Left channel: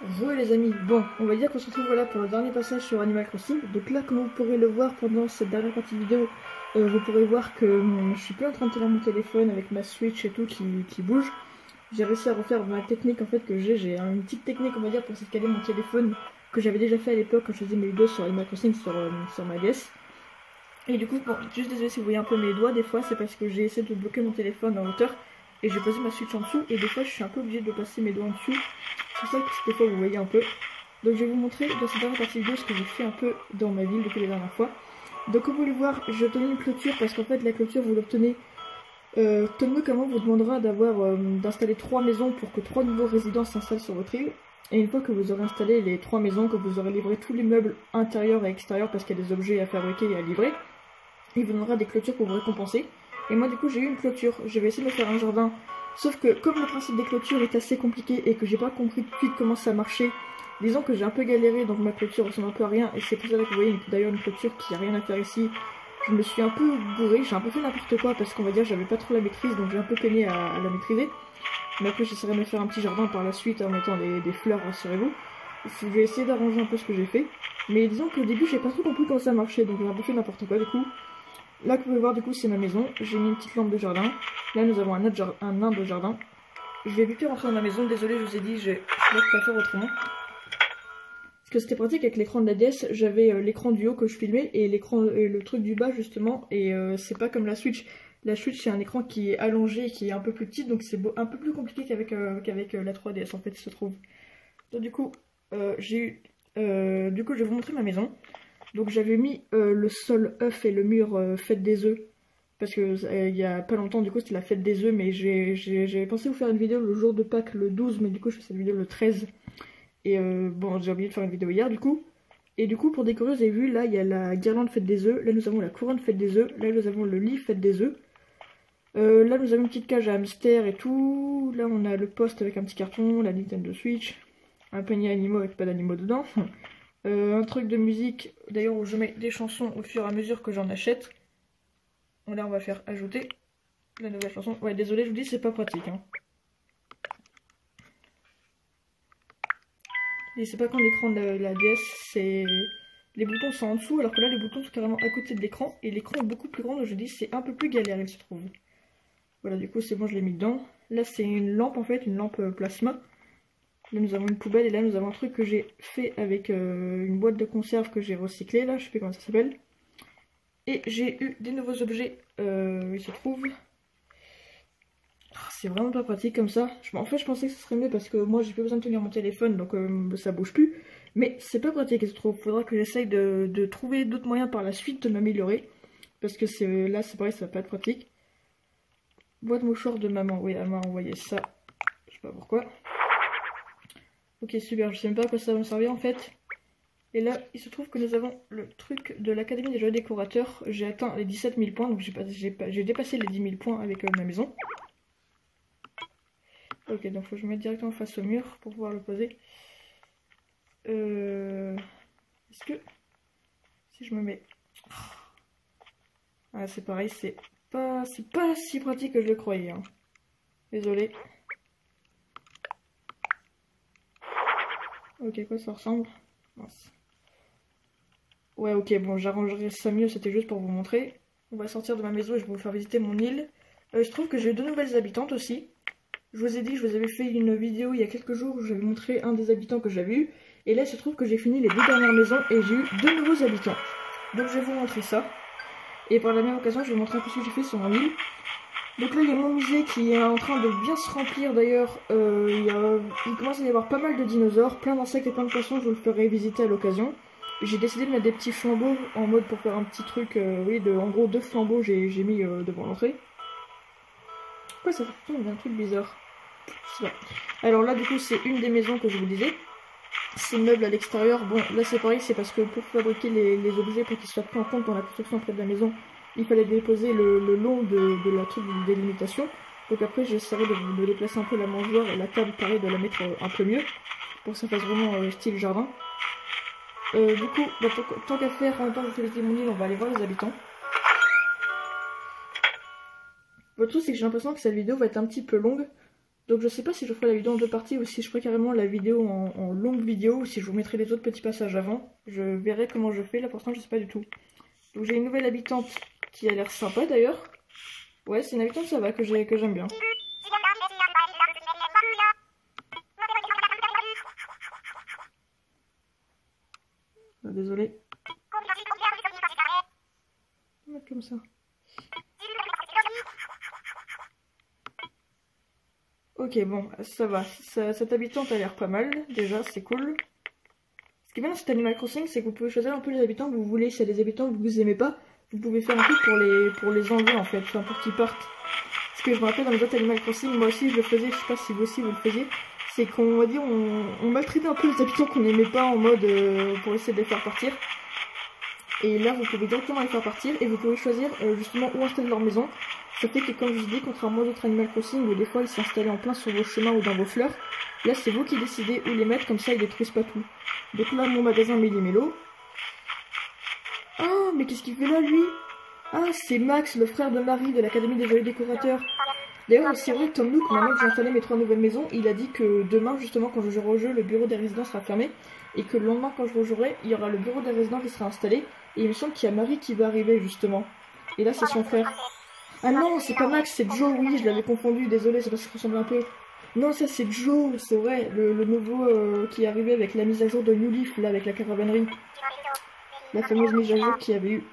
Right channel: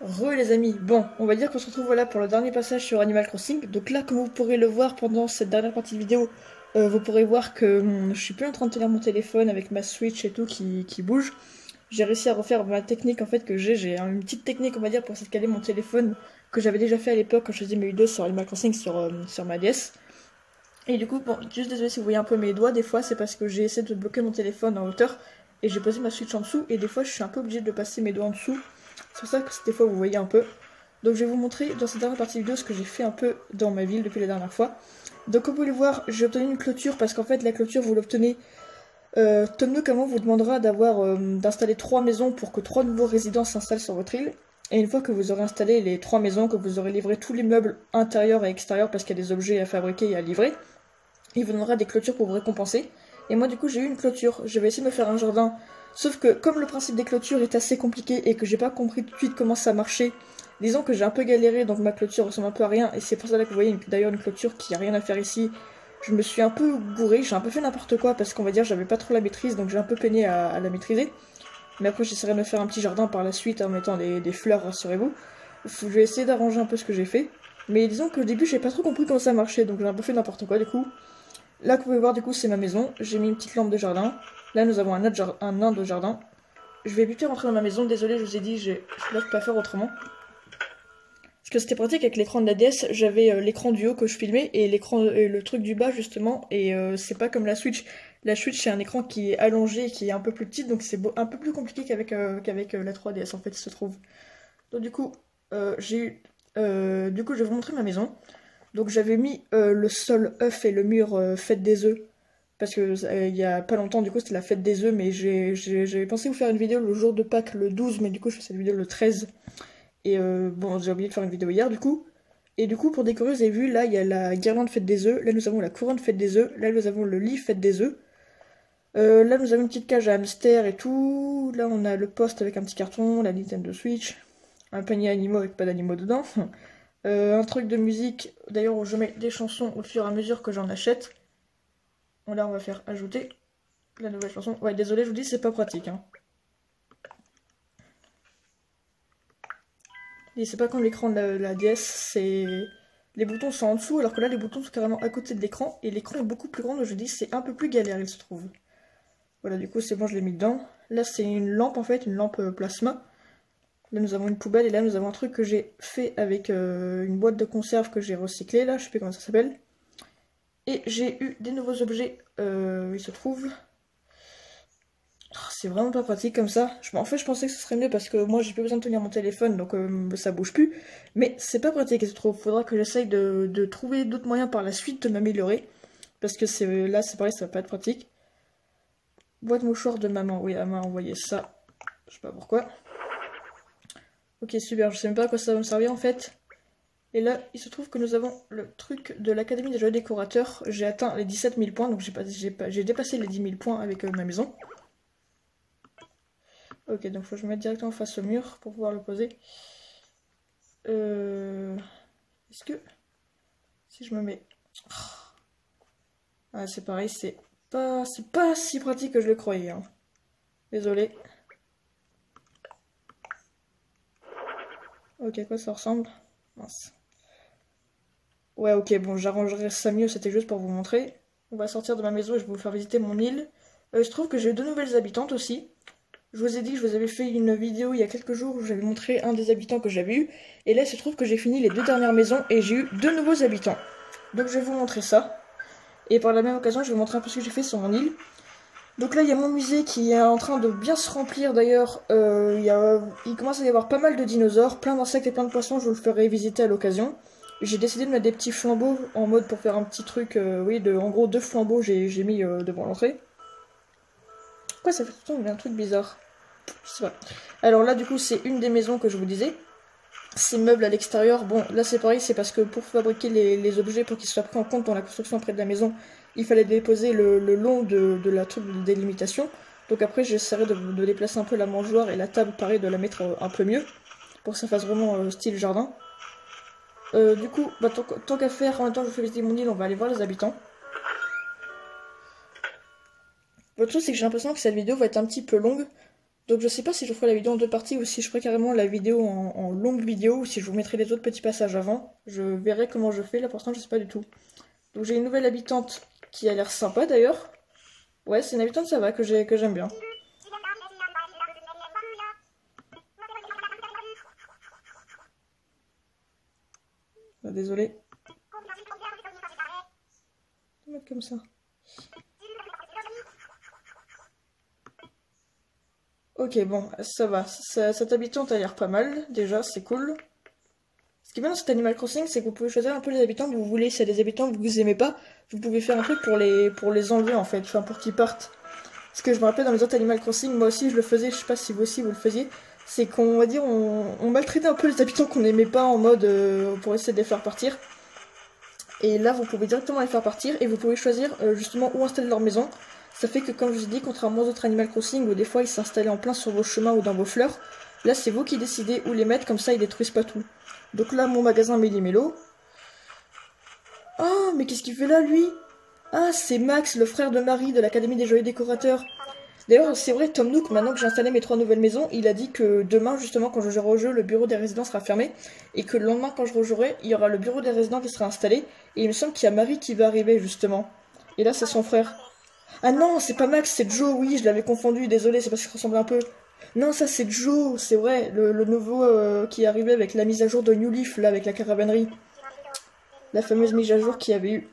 Les amis, bon, on va dire qu'on se retrouve voilà pour le dernier passage sur Animal Crossing. Donc là, comme vous pourrez le voir pendant cette dernière partie de vidéo, vous pourrez voir que je suis plus en train de tenir mon téléphone avec ma Switch et tout qui bouge. J'ai réussi à refaire ma technique en fait que j'ai une petite technique on va dire pour essayer de caler mon téléphone que j'avais déjà fait à l'époque quand je faisais mes vidéos sur Animal Crossing sur ma DS. Et du coup, bon, juste désolé si vous voyez un peu mes doigts, des fois c'est parce que j'ai essayé de bloquer mon téléphone en hauteur et j'ai posé ma Switch en dessous et des fois je suis un peu obligée de passer mes doigts en dessous. C'est pour ça que des fois vous voyez un peu. Donc je vais vous montrer dans cette dernière partie vidéo ce que j'ai fait un peu dans ma ville depuis la dernière fois. Donc comme vous pouvez le voir, j'ai obtenu une clôture parce qu'en fait la clôture vous l'obtenez. Tom Nook avant vous demandera d'installer 3 maisons pour que 3 nouveaux résidents s'installent sur votre île. Et une fois que vous aurez installé les 3 maisons, que vous aurez livré tous les meubles intérieurs et extérieurs parce qu'il y a des objets à fabriquer et à livrer, il vous donnera des clôtures pour vous récompenser. Et moi du coup j'ai eu une clôture, je vais essayer de me faire un jardin. Sauf que comme le principe des clôtures est assez compliqué et que j'ai pas compris tout de suite comment ça marchait, disons que j'ai un peu galéré donc ma clôture ressemble un peu à rien et c'est pour ça que vous voyez d'ailleurs une clôture qui a rien à faire ici. Je me suis un peu bourré, j'ai un peu fait n'importe quoi parce qu'on va dire j'avais pas trop la maîtrise donc j'ai un peu peiné à la maîtriser. Mais après j'essaierai de me faire un petit jardin par la suite en mettant des fleurs, rassurez-vous. Je vais essayer d'arranger un peu ce que j'ai fait. Mais disons que au début j'ai pas trop compris comment ça marchait donc j'ai un peu fait n'importe quoi du coup. Là, que vous pouvez voir, du coup, c'est ma maison. J'ai mis une petite lampe de jardin. Là, nous avons un nain de jardin. Je vais vite rentrer dans ma maison. Désolé, je vous ai dit, je ne peux pas faire autrement. Parce que c'était pratique avec l'écran de la DS. J'avais l'écran du haut que je filmais et le truc du bas, justement. Et c'est pas comme la Switch. La Switch, c'est un écran qui est allongé, qui est un peu plus petit. Donc, c'est un peu plus compliqué qu'avec la 3DS, en fait, il se trouve. Donc, du coup, je vais vous montrer ma maison. Donc j'avais mis le sol œuf et le mur fête des œufs. Parce que il y a pas longtemps, du coup, c'était la fête des œufs. Mais j'avais pensé vous faire une vidéo le jour de Pâques, le 12. Mais du coup, je fais cette vidéo le 13. Et bon, j'ai oublié de faire une vidéo hier, du coup. Et du coup, pour décorer, vous avez vu, là, il y a la guirlande fête des œufs. Là, nous avons la couronne fête des œufs. Là, nous avons le lit fête des œufs. Là, nous avons une petite cage à hamster et tout. Là, on a le poste avec un petit carton, la Nintendo Switch. Un panier animaux avec pas d'animaux dedans. Un truc de musique, d'ailleurs où je mets des chansons au fur et à mesure que j'en achète. Bon, là on va faire ajouter la nouvelle chanson. Ouais, désolé, je vous dis, c'est pas pratique. Hein. Et c'est pas comme l'écran de la DS, c'est... Les boutons sont en dessous, alors que là les boutons sont carrément à côté de l'écran. Et l'écran est beaucoup plus grand, donc je dis c'est un peu plus galère, il se trouve. Voilà, du coup c'est bon, je l'ai mis dedans. Là c'est une lampe en fait, une lampe plasma. Là nous avons une poubelle et là nous avons un truc que j'ai fait avec une boîte de conserve que j'ai recyclée, là, je sais plus comment ça s'appelle. Et j'ai eu des nouveaux objets, il se trouve. Oh, c'est vraiment pas pratique comme ça. En fait, je pensais que ce serait mieux parce que moi j'ai plus besoin de tenir mon téléphone donc ça bouge plus. Mais c'est pas pratique, il se trouve. Faudra que j'essaye de trouver d'autres moyens par la suite de m'améliorer. Parce que là, c'est pareil, ça va pas être pratique. Boîte mouchoir de maman, oui, elle m'a envoyé ça. Je sais pas pourquoi. Ok, super, je sais même pas à quoi ça va me servir en fait. Et là, il se trouve que nous avons le truc de l'Académie des jeux décorateurs. J'ai atteint les 17 000 points, donc j'ai dépassé les 10 000 points avec ma maison. Ok, donc faut que je me mette directement face au mur pour pouvoir le poser. Est-ce que... Si je me mets... Ah, c'est pareil, c'est pas si pratique que je le croyais. Hein. Désolé. Ok, à quoi ça ressemble? Mince. Ouais, ok, bon, j'arrangerai ça mieux, c'était juste pour vous montrer. On va sortir de ma maison et je vais vous faire visiter mon île. Je trouve que j'ai 2 nouvelles habitantes aussi. Je vous ai dit, je vous avais fait une vidéo il y a quelques jours où j'avais montré un des habitants que j'avais eu. Et là, il se trouve que j'ai fini les 2 dernières maisons et j'ai eu 2 nouveaux habitants. Donc je vais vous montrer ça. Et par la même occasion, je vais vous montrer un peu ce que j'ai fait sur mon île. Donc là, il y a mon musée qui est en train de bien se remplir d'ailleurs. Il commence à y avoir pas mal de dinosaures, plein d'insectes et plein de poissons, je vous le ferai visiter à l'occasion. J'ai décidé de mettre des petits flambeaux en mode pour faire un petit truc, oui, en gros 2 flambeaux j'ai mis devant l'entrée. Pourquoi ça fait un truc bizarre? Je sais pas. Alors là, du coup, c'est une des maisons que je vous disais. Ces meubles à l'extérieur, bon, là c'est pareil, c'est parce que pour fabriquer les objets, pour qu'ils soient pris en compte dans la construction près de la maison, il fallait déposer le long de la truc de délimitation. Donc après, j'essaierai de déplacer un peu la mangeoire et la table, pareil, de la mettre un peu mieux, pour que ça fasse vraiment style jardin. Du coup, bah, tant qu'à faire, en même temps je fais visiter mon île, on va aller voir les habitants. Le truc c'est que j'ai l'impression que cette vidéo va être un petit peu longue. Donc je sais pas si je ferai la vidéo en 2 parties ou si je ferai carrément la vidéo en longue vidéo ou si je vous mettrai les autres petits passages avant. Je verrai comment je fais, là pour l'instant je sais pas du tout. Donc j'ai une nouvelle habitante qui a l'air sympa d'ailleurs. Ouais, c'est une habitante ça va que j'aime bien. Ah, désolé. On va mettre comme ça. Ok, bon, ça va. Cette habitante a l'air pas mal, déjà, c'est cool. Ce qui est bien dans cet Animal Crossing, c'est que vous pouvez choisir un peu les habitants que vous voulez. S'il y a des habitants que vous aimez pas, vous pouvez faire un peu pour les enlever, en fait, enfin, pour qu'ils partent. Ce que je me rappelle dans les autres Animal Crossing, moi aussi je le faisais, je sais pas si vous aussi vous le faisiez, c'est qu'on va dire, on maltraitait un peu les habitants qu'on n'aimait pas en mode pour essayer de les faire partir. Et là, vous pouvez directement les faire partir et vous pouvez choisir justement où installer leur maison. Ça fait que, comme je vous ai dit, contrairement aux autres Animal Crossing où des fois ils s'installaient en plein sur vos chemins ou dans vos fleurs, là c'est vous qui décidez où les mettre, comme ça ils détruisent pas tout. Donc là, mon magasin Méli Mélo. Oh, mais qu'est-ce qu'il fait là, lui? Ah, c'est Max, le frère de Marie de l'Académie des Joyeux Décorateurs. D'ailleurs, c'est vrai, Tom Nook, maintenant que j'ai installé mes 3 nouvelles maisons, il a dit que demain, justement, quand je jouerai au jeu, le bureau des résidents sera fermé. Et que le lendemain, quand je rejouerai, il y aura le bureau des résidents qui sera installé. Et il me semble qu'il y a Marie qui va arriver, justement. Et là, c'est son frère. Ah non, c'est pas Max, c'est Joe, oui, je l'avais confondu, désolé, c'est parce qu'il ressemble un peu. Non, ça c'est Joe, c'est vrai, le nouveau qui est arrivé avec la mise à jour de New Leaf, là, avec la caravanerie. La fameuse mise à jour qu'il y avait eu.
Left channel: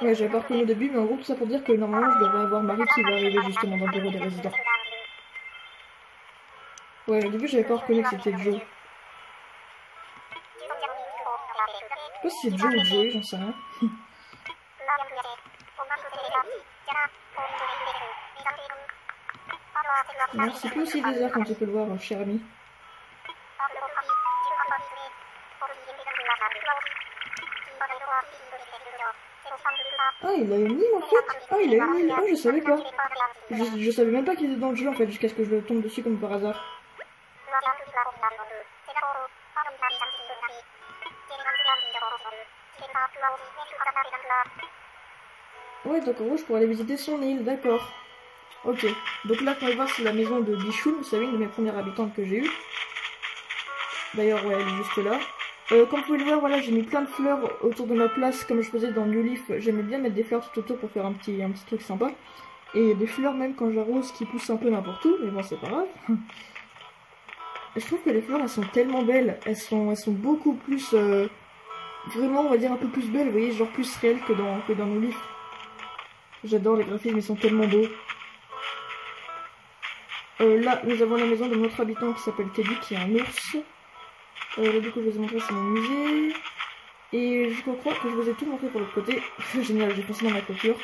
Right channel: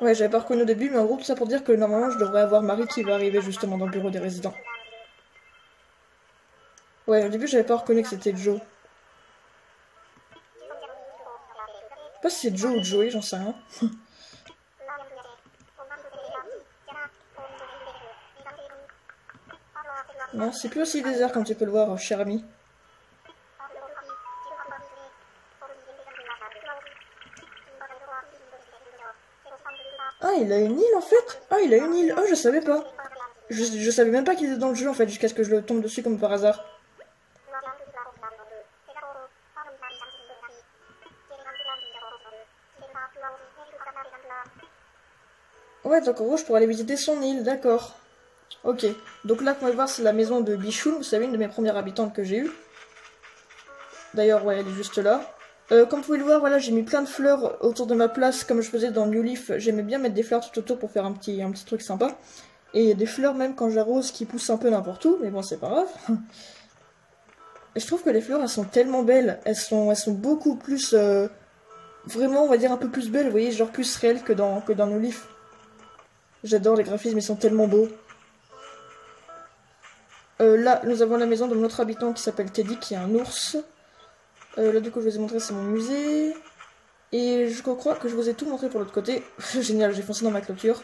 Ouais, j'avais pas reconnu au début, mais en gros, tout ça pour dire que normalement, je devrais avoir Marie qui va arriver justement dans le bureau des résidents. Ouais, au début, j'avais pas reconnu que c'était Joe. Je sais pas si c'est Joe ou Joey, j'en sais rien. Non, c'est plus aussi désert comme tu peux le voir, cher ami. Ah, il a une île en fait? Ah, il a une île. Ah, je savais pas. Je savais même pas qu'il était dans le jeu en fait, jusqu'à ce que je le tombe dessus comme par hasard. Ouais, donc en gros, je pourrais aller visiter son île, d'accord. Ok, donc là, qu'on va voir, c'est la maison de Bichoun, vous savez, une de mes premières habitantes que j'ai eue. D'ailleurs, ouais, elle est juste là. Comme vous pouvez le voir, voilà, j'ai mis plein de fleurs autour de ma place, comme je faisais dans New Leaf. J'aimais bien mettre des fleurs tout autour pour faire un petit truc sympa. Et il y a des fleurs, même quand j'arrose, qui poussent un peu n'importe où, mais bon, c'est pas grave. Et je trouve que les fleurs, elles sont tellement belles. Elles sont beaucoup plus... vraiment, on va dire, un peu plus belles, vous voyez, genre plus réelles que dans New Leaf. J'adore les graphismes, ils sont tellement beaux. Là, nous avons la maison de notre habitant qui s'appelle Teddy, qui est un ours. Là, du coup, je vous ai montré, c'est mon musée. Et je crois que je vous ai tout montré pour l'autre côté. Génial, j'ai foncé dans ma clôture.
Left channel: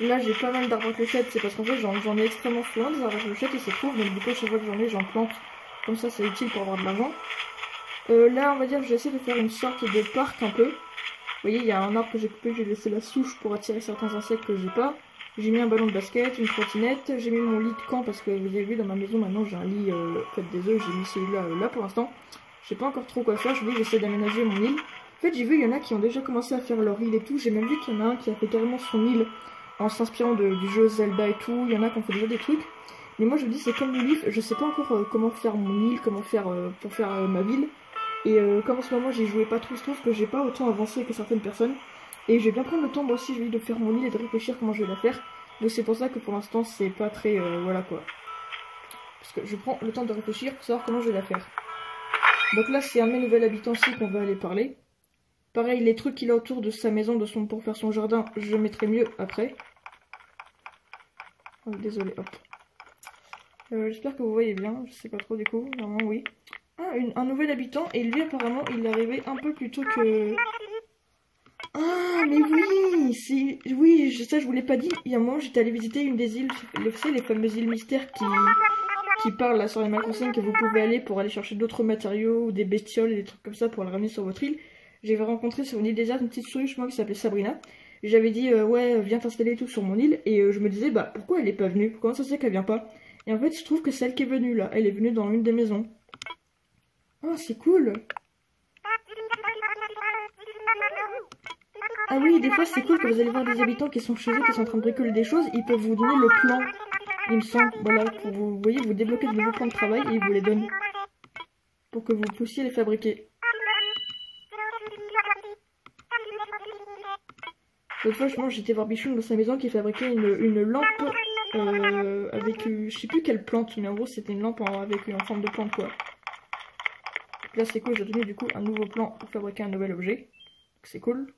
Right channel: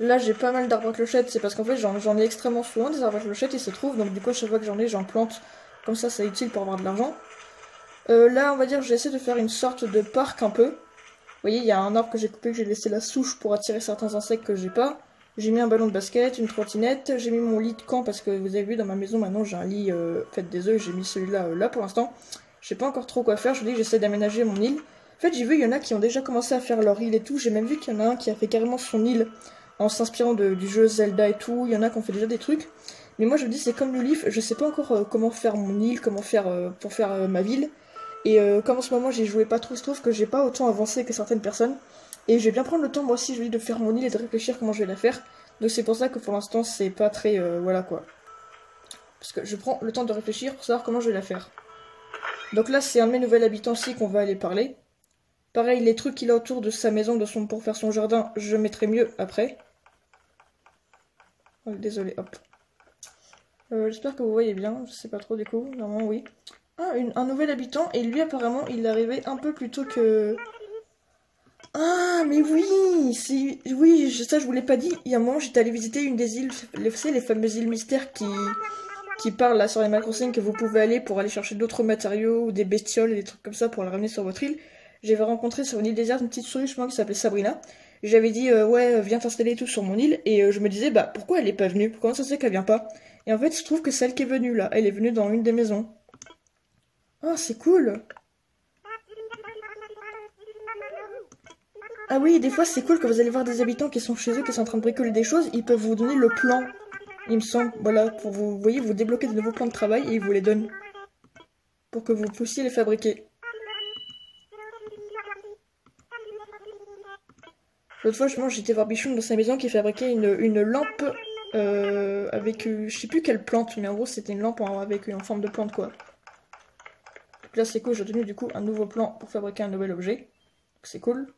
Là, j'ai pas mal d'arbres à clochettes, c'est parce qu'en fait, j'en ai extrêmement souvent des arbres à clochettes, ils se trouvent. Donc, du coup, chaque fois que j'en plante. Comme ça, c'est utile pour avoir de l'argent. Là, on va dire, j'essaie de faire une sorte de parc un peu. Vous voyez, il y a un arbre que j'ai coupé, que j'ai laissé la souche pour attirer certains insectes que j'ai pas. J'ai mis un ballon de basket, une trottinette, j'ai mis mon lit de camp parce que vous avez vu dans ma maison maintenant j'ai un lit fait des œufs, j'ai mis celui-là là pour l'instant. Je sais pas encore trop quoi faire, je vous dis j'essaie d'aménager mon île. En fait j'ai vu il y en a qui ont déjà commencé à faire leur île et tout, j'ai même vu qu'il y en a un qui a fait carrément son île en s'inspirant du jeu Zelda et tout, il y en a qui ont fait déjà des trucs. Mais moi je vous dis c'est comme New Leaf, je sais pas encore comment faire mon île, comment faire pour faire ma ville. Et comme en ce moment j'ai joué pas trop, je trouve que j'ai pas autant avancé que certaines personnes. Et je vais bien prendre le temps moi aussi je vous dis de faire mon île et de réfléchir comment je vais la faire. Donc c'est pour ça que pour l'instant c'est pas très voilà quoi. Parce que je prends le temps de réfléchir pour savoir comment je vais la faire. Donc là c'est un de mes nouveaux habitants aussi qu'on va aller parler. Pareil les trucs qu'il a autour de sa maison pour faire son jardin je mettrai mieux après. Oh, désolé hop. J'espère que vous voyez bien, je sais pas trop du coup, normalement oui. Ah un nouvel habitant et lui apparemment il est arrivé un peu plus tôt que... Ah, mais oui, oui, ça je vous l'ai pas dit. Il y a un moment, j'étais allée visiter une des îles, vous savez, les fameuses îles mystères qui parlent là sur Animal Crossing, que vous pouvez aller pour aller chercher d'autres matériaux ou des bestioles et des trucs comme ça pour les ramener sur votre île. J'avais rencontré sur une île déserte une petite souris, je crois, qui s'appelait Sabrina. J'avais dit, ouais, viens t'installer tout sur mon île. Et je me disais, bah, pourquoi elle est pas venue? Comment ça se fait qu'elle vient pas? Et en fait, je trouve que celle qui est venue là, elle est venue dans une des maisons. Oh, c'est cool! Ah oui, des fois c'est cool que vous allez voir des habitants qui sont chez eux, qui sont en train de bricoler des choses, ils peuvent vous donner le plan, il me semble, voilà, pour vous voyez, vous débloquer de nouveaux plans de travail et ils vous les donnent. Pour que vous puissiez les fabriquer. L'autre fois, j'étais voir Bichon dans sa maison qui fabriquait une lampe avec, je sais plus quelle plante, mais en gros c'était une lampe avec en forme de plante quoi. Donc là c'est cool, j'ai obtenu du coup un nouveau plan pour fabriquer un nouvel objet. C'est cool.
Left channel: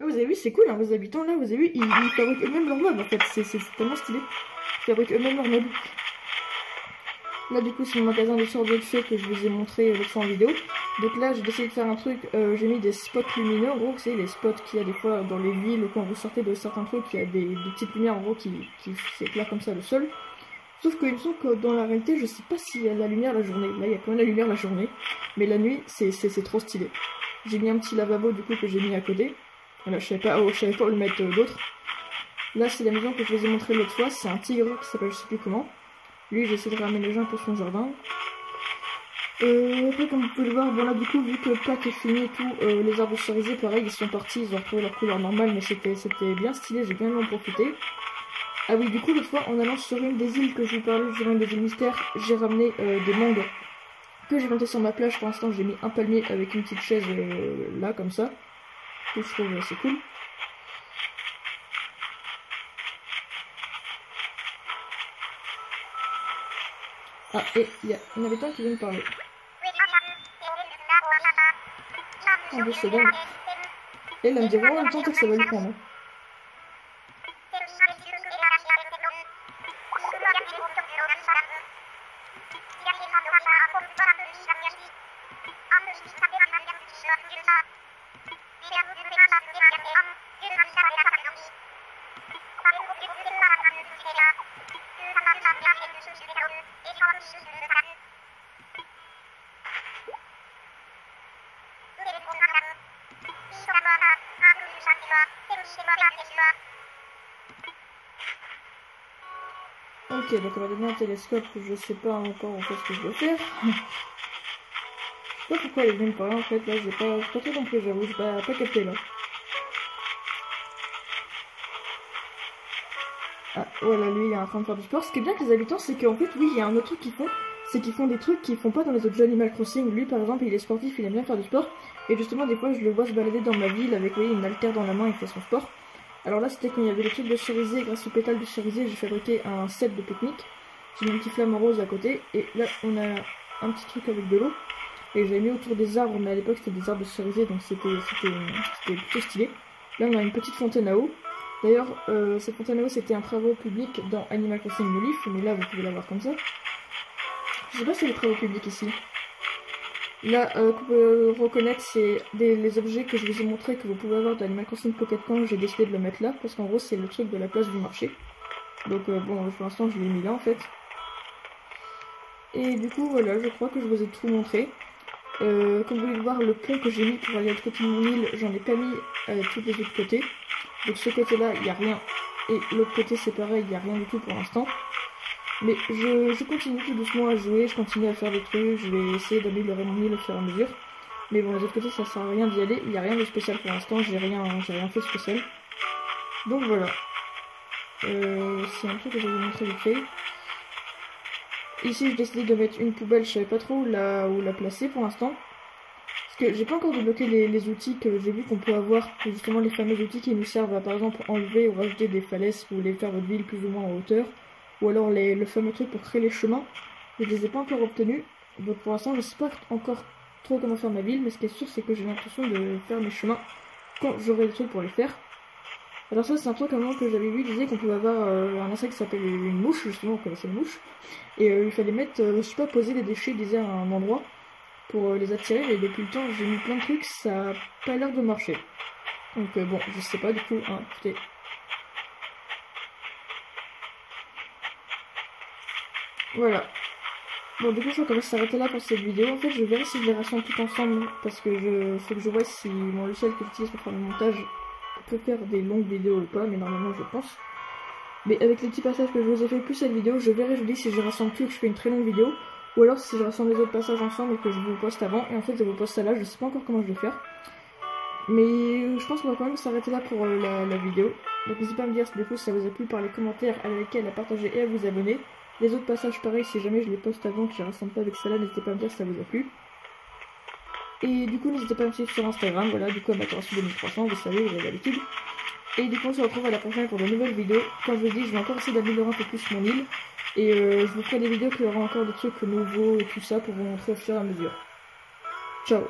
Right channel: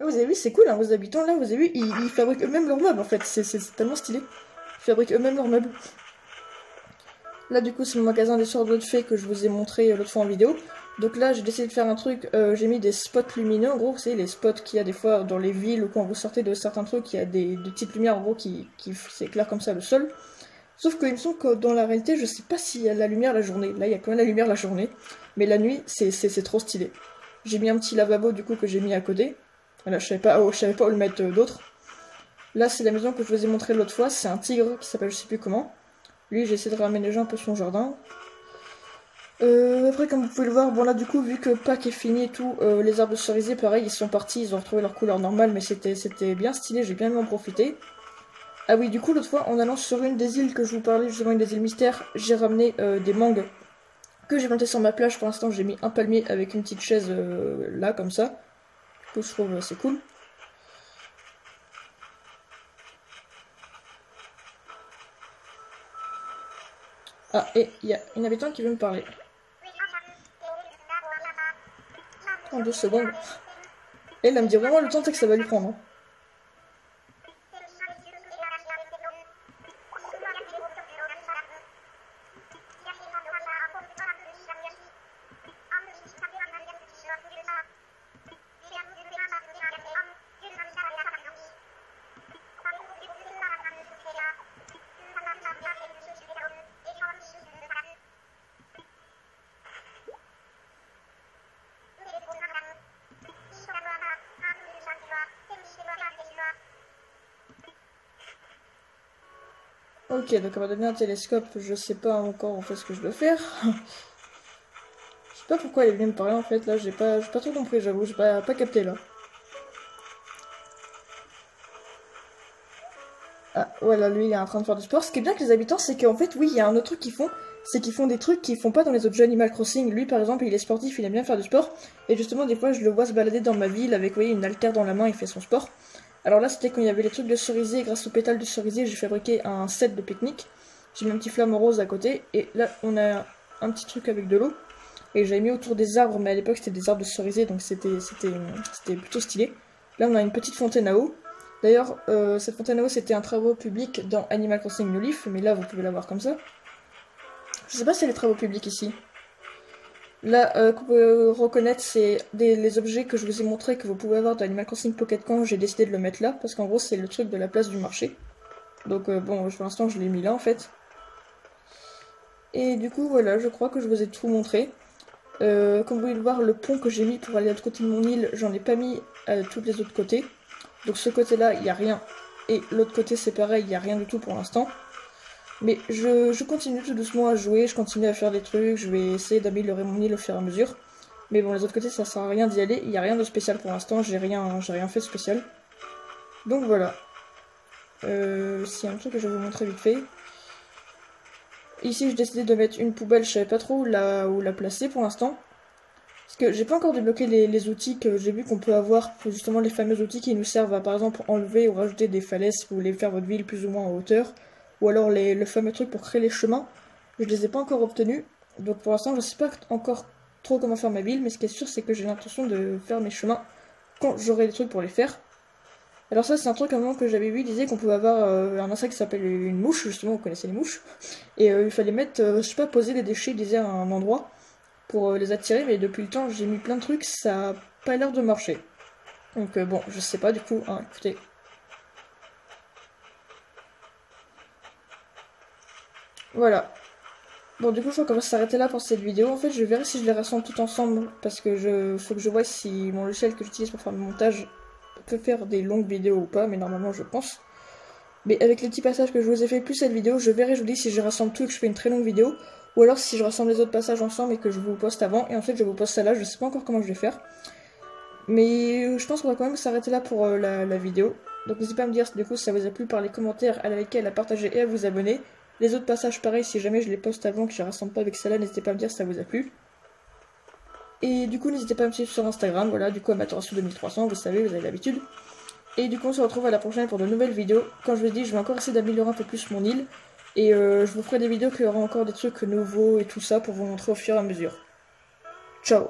Là, vous avez vu, c'est cool, hein, vos habitants, là vous avez vu, ils fabriquent eux-mêmes leurs meubles en fait, c'est tellement stylé. Ils fabriquent eux-mêmes leurs meubles. Là du coup c'est le magasin des sorts de fées que je vous ai montré l'autre fois en vidéo. Donc là j'ai décidé de faire un truc, j'ai mis des spots lumineux, en gros vous savez les spots qu'il y a des fois dans les villes ou quand vous sortez de certains trucs, il y a des petites lumières en gros qui s'éclairent comme ça le sol. Sauf qu'il me semble que dans la réalité je sais pas s'il y a la lumière la journée, là il y a quand même la lumière la journée, mais la nuit c'est trop stylé. J'ai mis un petit lavabo du coup que j'ai mis à côté, là je savais pas où le mettre d'autre. Là c'est la maison que je vous ai montré l'autre fois, c'est un tigre qui s'appelle je sais plus comment. Lui, j'essaie de raménager un peu son jardin. Après, comme vous pouvez le voir, bon là du coup, vu que Pâques est fini et tout, les arbres de cerisier, pareil, ils sont partis, ils ont retrouvé leur couleur normale, mais c'était bien stylé, j'ai bien en profité. Ah oui, du coup, l'autre fois, en allant sur une des îles que je vous parlais, justement une des îles mystères, j'ai ramené des mangues que j'ai planté sur ma plage. Pour l'instant, j'ai mis un palmier avec une petite chaise là, comme ça. Que je trouve c'est cool. Ah, et il y a une habitante qui veut me parler. En 2 secondes. Et elle me dit vraiment le temps que ça va lui prendre. Hein. Ok, donc on va donner un télescope, je sais pas encore en fait ce que je veux faire. Je sais pas pourquoi elle est venue me parler en fait, là j'ai pas trop compris, j'avoue, j'ai pas capté là. Ah, voilà, lui il est en train de faire du sport. Ce qui est bien avec les habitants, c'est qu'en fait, oui, il y a un autre truc qu'ils font, c'est qu'ils font des trucs qu'ils font pas dans les autres jeux Animal Crossing. Lui par exemple, il est sportif, il aime bien faire du sport, et justement, des fois, je le vois se balader dans ma ville avec, vous voyez, une haltère dans la main, il fait son sport. Alors là, c'était quand il y avait les trucs de cerisier, grâce aux pétales de cerisier, j'ai fabriqué un set de pique-nique. J'ai mis un petit flamme rose à côté, et là, on a un petit truc avec de l'eau. Et j'avais mis autour des arbres, mais à l'époque, c'était des arbres de cerisier, donc c'était plutôt stylé. Là, on a une petite fontaine à eau. D'ailleurs, cette fontaine à eau, c'était un travaux public dans Animal Crossing New Leaf, mais là, vous pouvez la voir comme ça. Je sais pas si c'est les travaux publics ici. Là, que vous pouvez reconnaître, c'est les objets que je vous ai montrés que vous pouvez avoir dans Animal Crossing Pocket Camp. J'ai décidé de le mettre là, parce qu'en gros, c'est le truc de la place du marché. Donc, bon, pour l'instant, je l'ai mis là, en fait. Et du coup, voilà, je crois que je vous ai tout montré. Comme vous pouvez le voir, le pont que j'ai mis pour aller à l'autre côté de mon île, j'en ai pas mis à tous les autres côtés. Donc ce côté-là, il n'y a rien. Et l'autre côté, c'est pareil, il n'y a rien du tout pour l'instant. Mais je continue tout doucement à jouer, je continue à faire des trucs, je vais essayer d'améliorer mon île au fur et à mesure. Mais bon, les autres côtés, ça sert à rien d'y aller, il n'y a rien de spécial pour l'instant, j'ai rien fait de spécial. Donc voilà. C'est un truc que je vais vous montrer vite fait. Ici, j'ai décidé de mettre une poubelle, je savais pas trop où la placer pour l'instant. Parce que j'ai pas encore débloqué les outils que j'ai vu qu'on peut avoir, justement les fameux outils qui nous servent à par exemple enlever ou rajouter des falaises si vous voulez faire votre ville plus ou moins en hauteur. Ou alors le fameux truc pour créer les chemins. Je les ai pas encore obtenus. Donc pour l'instant je sais pas encore trop comment faire ma ville. Mais ce qui est sûr c'est que j'ai l'intention de faire mes chemins quand j'aurai les trucs pour les faire. Alors ça c'est un truc à un moment que j'avais vu, il disait qu'on pouvait avoir un insecte qui s'appelle une mouche, justement vous connaissez les mouches. Et il fallait mettre, je sais pas, poser des déchets, il disait à un endroit pour les attirer, mais depuis le temps j'ai mis plein de trucs, ça a pas l'air de marcher. Donc bon, je sais pas du coup, hein, écoutez. Voilà. Bon du coup je crois qu'on va s'arrêter là pour cette vidéo. En fait je verrai si je les rassemble tout ensemble, parce que faut que je vois si mon logiciel que j'utilise pour faire le montage peut faire des longues vidéos ou pas, mais normalement je pense. Mais avec les petits passages que je vous ai fait plus cette vidéo, je verrai, je vous dis si je rassemble tout et que je fais une très longue vidéo. Ou alors si je rassemble les autres passages ensemble et que je vous poste avant, et ensuite je vous poste ça là, je sais pas encore comment je vais faire. Mais je pense qu'on va quand même s'arrêter là pour la vidéo. Donc n'hésitez pas à me dire du coup si ça vous a plu par les commentaires, à liker, à la partager et à vous abonner. Les autres passages pareil, si jamais je les poste avant que je les rassemble pas avec celle-là, n'hésitez pas à me dire si ça vous a plu. Et du coup n'hésitez pas à me suivre sur Instagram, voilà, du coup Amaterasu 2300, vous savez, vous avez l'habitude. Et du coup on se retrouve à la prochaine pour de nouvelles vidéos. Comme je vous l'ai dit, je vais encore essayer d'améliorer un peu plus mon île. Et je vous ferai des vidéos qui auront encore des trucs nouveaux et tout ça pour vous montrer au fur et à mesure. Ciao.